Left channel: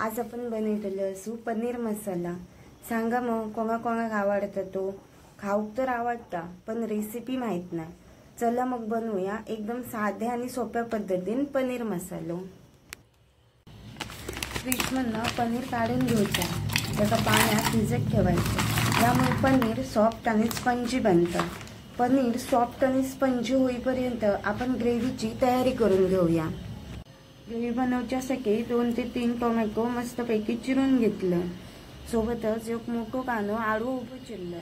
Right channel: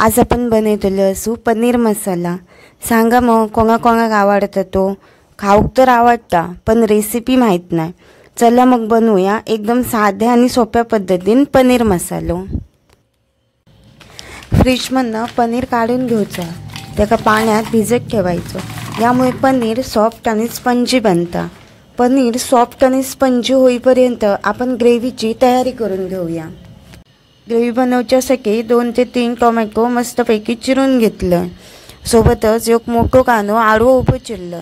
आज आपण बनवतलो असू पनीर मसाला। सांगा मग कोणाकोणाक आवडता तो? खाऊक तर आवडता पण रेसिपी माहीत नाही। चला मग बनवूया एकदम साध्या आणि सोप्या पद्धतीने पनीर मसालो। फ्रीजमधनं पनीर काढून घ्यायचं, त्याका पाण्यात भिजत ठेवायचं। यामुळे पनीर सॉफ्ट आणि स्पंजी बनतं। पनीर सॉफ्ट आणि स्पंजी होईपर्यंत आपण ग्रेव्हीची तयारी करून घेऊया। ग्रेव्ही बनवण्यासाठी 2 ते 3 टोमॅटो मस्तपैकी चिरून घेतलं। सोबतच एक मोठो कांदो आडवो उभो चिरलं।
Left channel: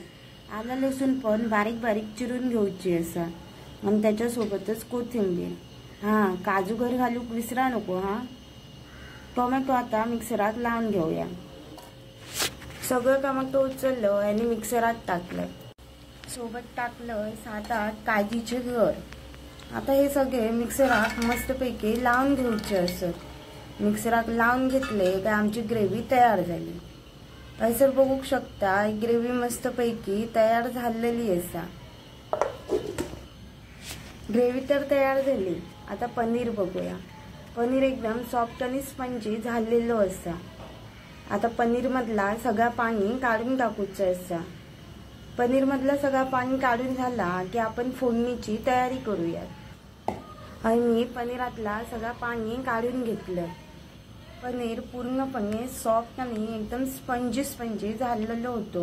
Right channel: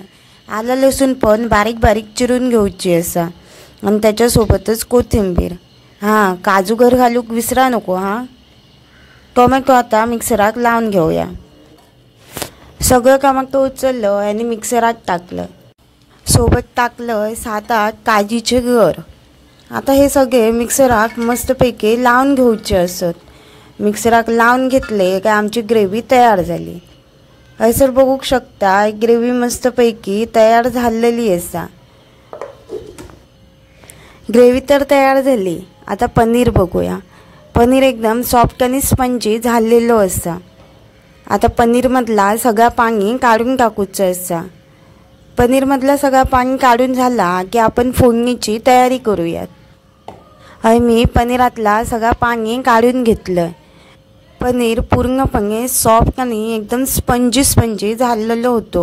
आलं लसूण पण बारीक बारीक चिरून घेऊची असा आणि त्याच्यासोबतच कोथिंबीर। काजू घर घालूक विसरा नको। टोमॅटो आता मिक्सराक लावून घेऊया। सगळं टोमॅटो उचललं आणि मिक्सरात टाकलं। सोबत टाकलं 7-8 काजीचे गर। आता हे सगळे मिक्सराक मस्तपैकी लावून घेऊचे असत। मिक्सराक लावून घेतले काय आमची ग्रेव्ही तयार झाली। हैसर बघू शकता ग्रेव्ही मस्तपैकी तयार झालेली असा। ग्रेव्ही तर तयार झाली। आता पनीर बघूया। पनीर एकदम सॉफ्ट आणि स्पंजी झालेलो असा। आता पनीर मधला सगळा पाणी काढून टाकूचं असा। पनीर मधला सगळा पाणी काढून झाला की आपण फोडणीची तयारी करूयात। मी पनीरातला सगळा पाणी काढून घेतलं। पनीर पूर्णपणे सॉफ्ट आणि एकदम स्पंजी झालेलो होतो।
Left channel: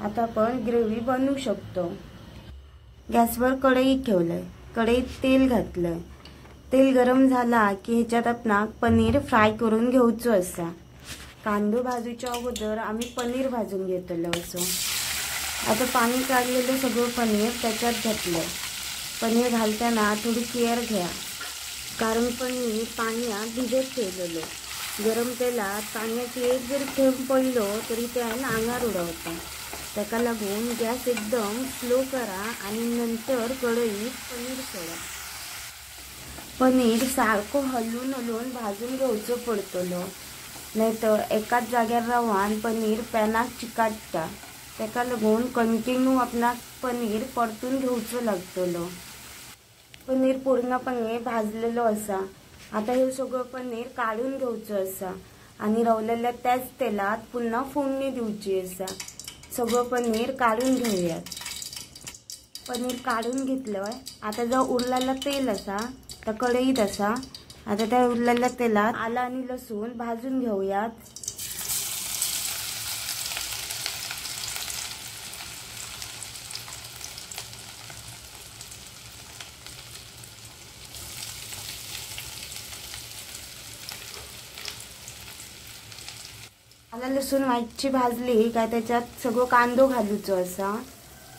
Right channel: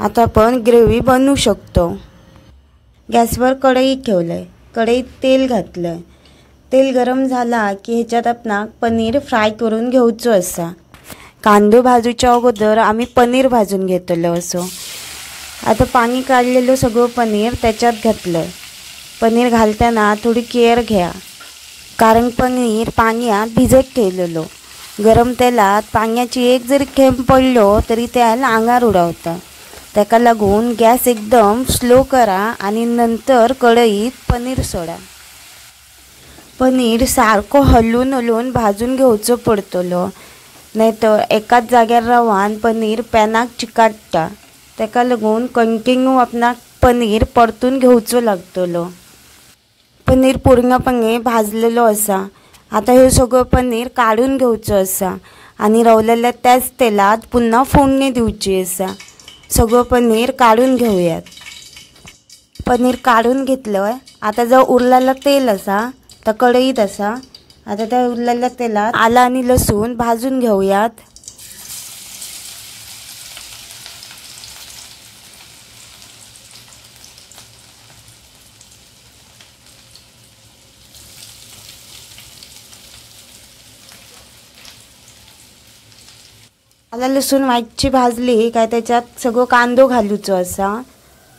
आता आपण ग्रेव्ही बनवू शकतो। गॅसवर कढई ठेवलंय, कढईत तेल घातलंय। तेल गरम झाला की ह्याच्यात आपण पनीर फ्राय करून घेऊचो असा। कांदो भाजूच्या अगोदर आम्ही पनीर भाजून घेतलो असो। आता पाणी काढलेलं सगळं पनीर त्याच्यात घातलं। पनीर घालताना थोडी केअर घ्या, कारण पनीर पाण्यात भिजत ठेवलेलो। गरम तेलात पाण्याची एक जरी थेंब पडलो तरी त्याला अंगार उडवतं। त्याका लागून गॅस एकदम स्लो करा आणि नंतर कढईत पनीर सोडा। पनीर सारखं हलवून भाजून घेऊचं पडतलो, नाहीतर एकाच जाग्यार राहून पनीर पॅनाक चिकाटता। त्याका लागून कंटिन्यू आपणाक पनीर परतून घेऊचो लागतलो। पनीर पूर्णपणे भाजलेलो असा। आता हे सगळं पनीर काढून घेऊचं असा आणि रवलेल्या त्याच तेलात पुन्हा फोडणी देऊची असा। सगळं पनीर काढून घेऊयात। पनीर काढून घेतलं। आता जो उरलेला तेल असा त्या कढईत असा। आता त्या उरलेल्या तेलात आलं आणि लसूण भाजून घेऊयात। आलं लसूण वाईटची भाजली काय त्याच्यात सगळं कांदो घालूचो असा।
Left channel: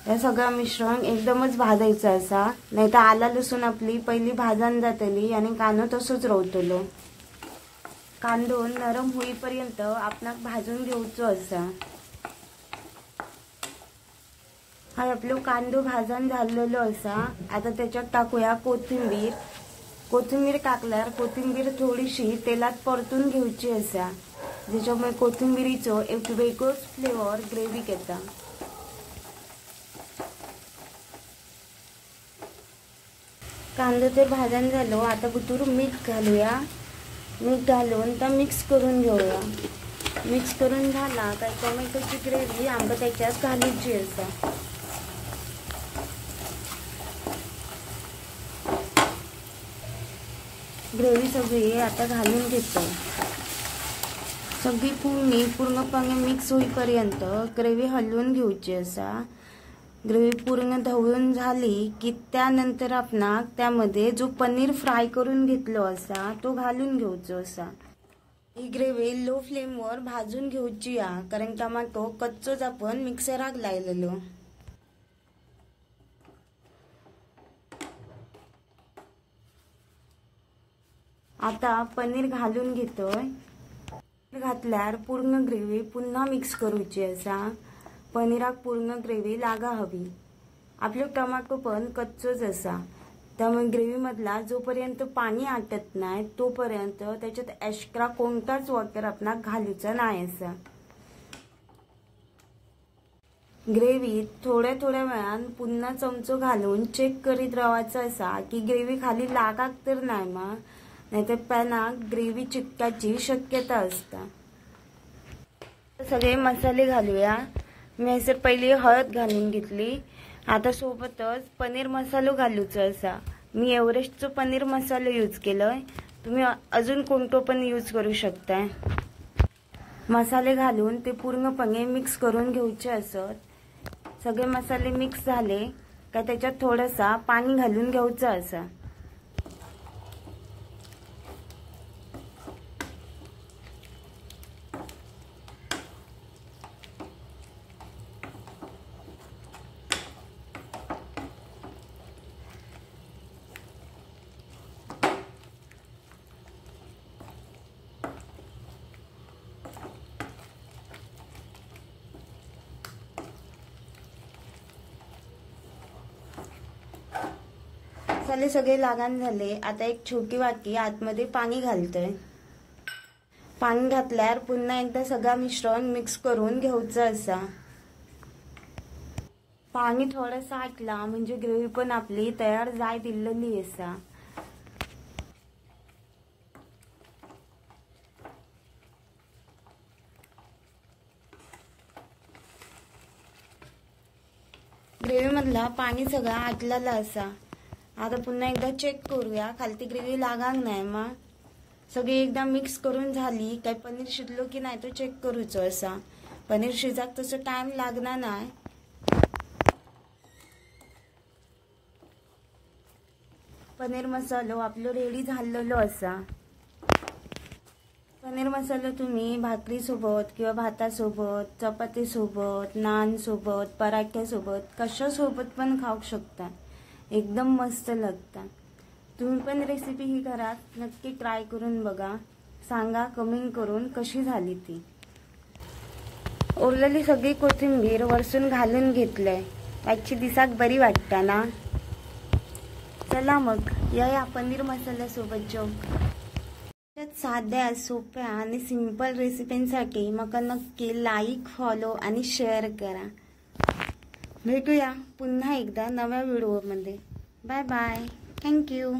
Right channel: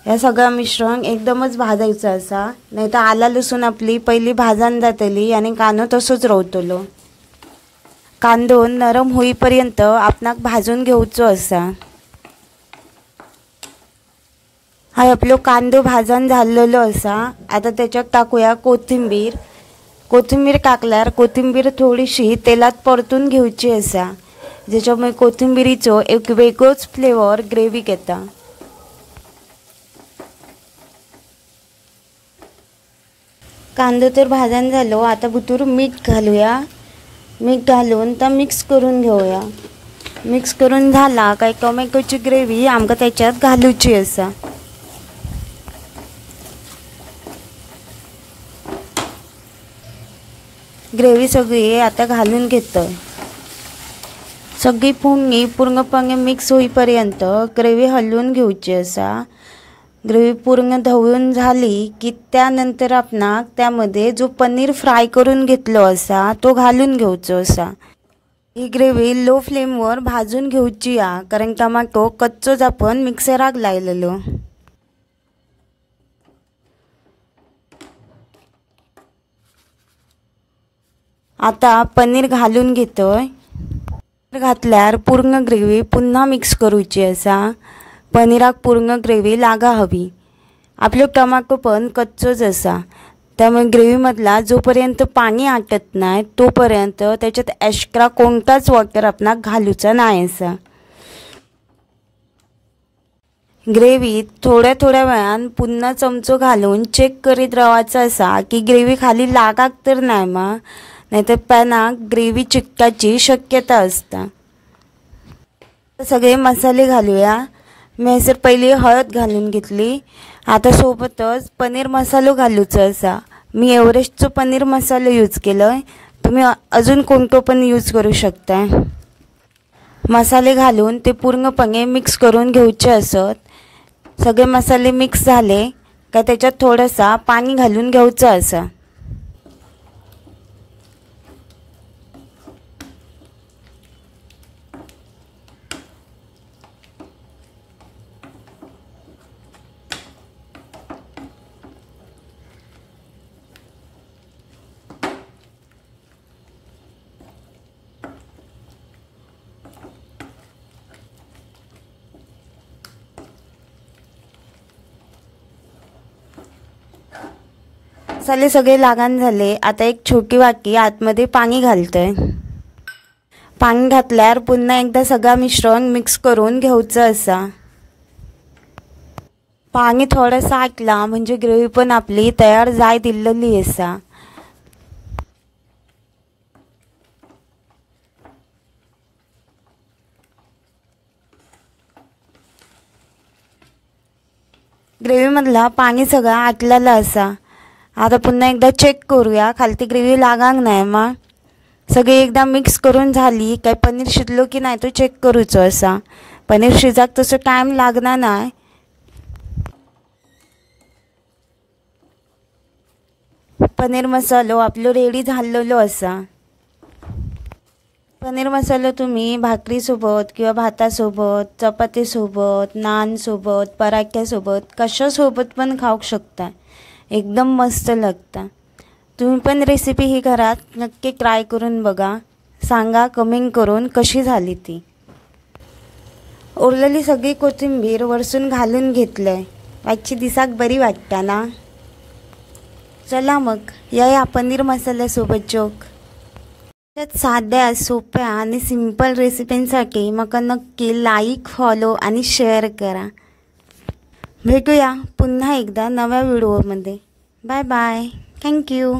या सगळं मिश्रण एकदमच भाजायचं असा, नाहीतर आलं लसूण आपली पहिली भाजून जातली आणि कांदो तसोच राहतलो। कांदो नरम होईपर्यंत आपणाक भाजून घेऊचो असा। आपलो कांदो भाजून झालेलो असा। आता त्याच्यात टाकूया कोथिंबीर। कोथिंबीर टाकल्यार कोथिंबीर थोडीशी तेलात परतून घेऊची असा, ज्याच्यामुळे कोथिंबीरीचो एक वेगळोच फ्लेवर ग्रेव्हीक येता। कांदो तर भाजून झालो। आता भितर मीठ घालूया। मीठ घालून तर मिक्स करून घेऊया। मिक्स करून झाला काय टोमॅटोची ग्रेव्ही आमका त्याच्यात घालूची असा। ग्रेव्ही सगळी आता घालून घेतो। सगळी फोडणी पूर्णपणे मिक्स होईपर्यंत ग्रेव्ही हलवून घेऊची असा। ग्रेव्ही पूर्ण ढवळून झाली की त्यानंतर आपणाक त्यामध्ये जो पनीर फ्राय करून घेतलो असा तो घालून घेऊचो असा। ही ग्रेव्ही लो फ्लेमवर भाजून घेऊची आ, कारण टोमॅटो कच्चोच आपण मिक्सराक लायलेलो। आता पनीर घालून घेतोय। घातल्यार पूर्ण ग्रेव्ही पुन्हा मिक्स करूची असा। पनीराक पूर्ण ग्रेव्ही लागा हवी। आपलो टोमॅटो पण कच्चोच असा, त्यामुळे ग्रेव्ही मधला जोपर्यंत पाणी आटत नाही तोपर्यंत त्याच्यात एक्स्ट्रा कोणताच वॉटर आपणाक घालूचा नाही असा। ग्रेव्हीत थोड्या वेळान पुन्हा चमचो घालून चेक करीत राहायचा असा की ग्रेव्ही खाली लागाक तर नाही मा, नाहीतर पॅनाक ग्रेव्ही चिकटाची शक्यता असता। सगळे मसाले घालूया। मी हयसर पहिली हळद घालून घेतली। आता सोबतच पनीर मसालो घालूचो असा। मी एव्हरेस्टचो पनीर मसालो यूज केलोय, तुम्ही अजून कोणतो पण यूज करू शकता। मसाले घालून ते पूर्णपणे मिक्स करून घेऊचे असत। सगळे मसाले मिक्स झाले का त्याच्यात थोडासा पाणी घालून घ्यायचं असा। मसाले सगळे लागण झाले। आता एक छोटी वाटी आतमध्ये पाणी घालतोय। पाणी घातल्यावर पुन्हा एकदा सगळं मिश्रण मिक्स करून घ्यायचं असा। पाणी थोडंसं आटला म्हणजे ग्रेव्ही पण आपली तयार जाय दिलेली असा। ग्रेव्ही मधला पाणी सगळं आटलेलं असा। आता पुन्हा एकदा चेक करूया खालती ग्रेव्ही लागांक नाही मग सगळी एकदा मिक्स करून झाली काय पनीर शिजलो की नाही तो चेक करूचो असा। पनीर शिजाक तसं टाइम लागणार नाही। पनीर मसालो आपलो रेडी झालेलो असा। पनीर मसालो तुम्ही भाकरी सोबत किंवा भातासोबत, चपातीसोबत, नान सोबत, पराठ्यासोबत कशासोबत पण खाऊ शकता। एकदम मस्त लागतं। तुम्ही पण रेसिपी ही घरात नक्की ट्राय करून बघा। सांगा कमेंट करून कशी झाली ती। उरलेली सगळी कोथिंबीर वरसून घालून घेतलंय। आजची दिसाक बरी वाटता ना। चला मग या पनीर मसाल्यासोबत जोक। साध्या सोप्या आणि सिंपल रेसिपींसाठी मका नक्की लाईक, फॉलो आणि शेअर करा। भेटूया पुन्हा एकदा नव्या व्हिडिओमध्ये। Bye bye. थँक्यू।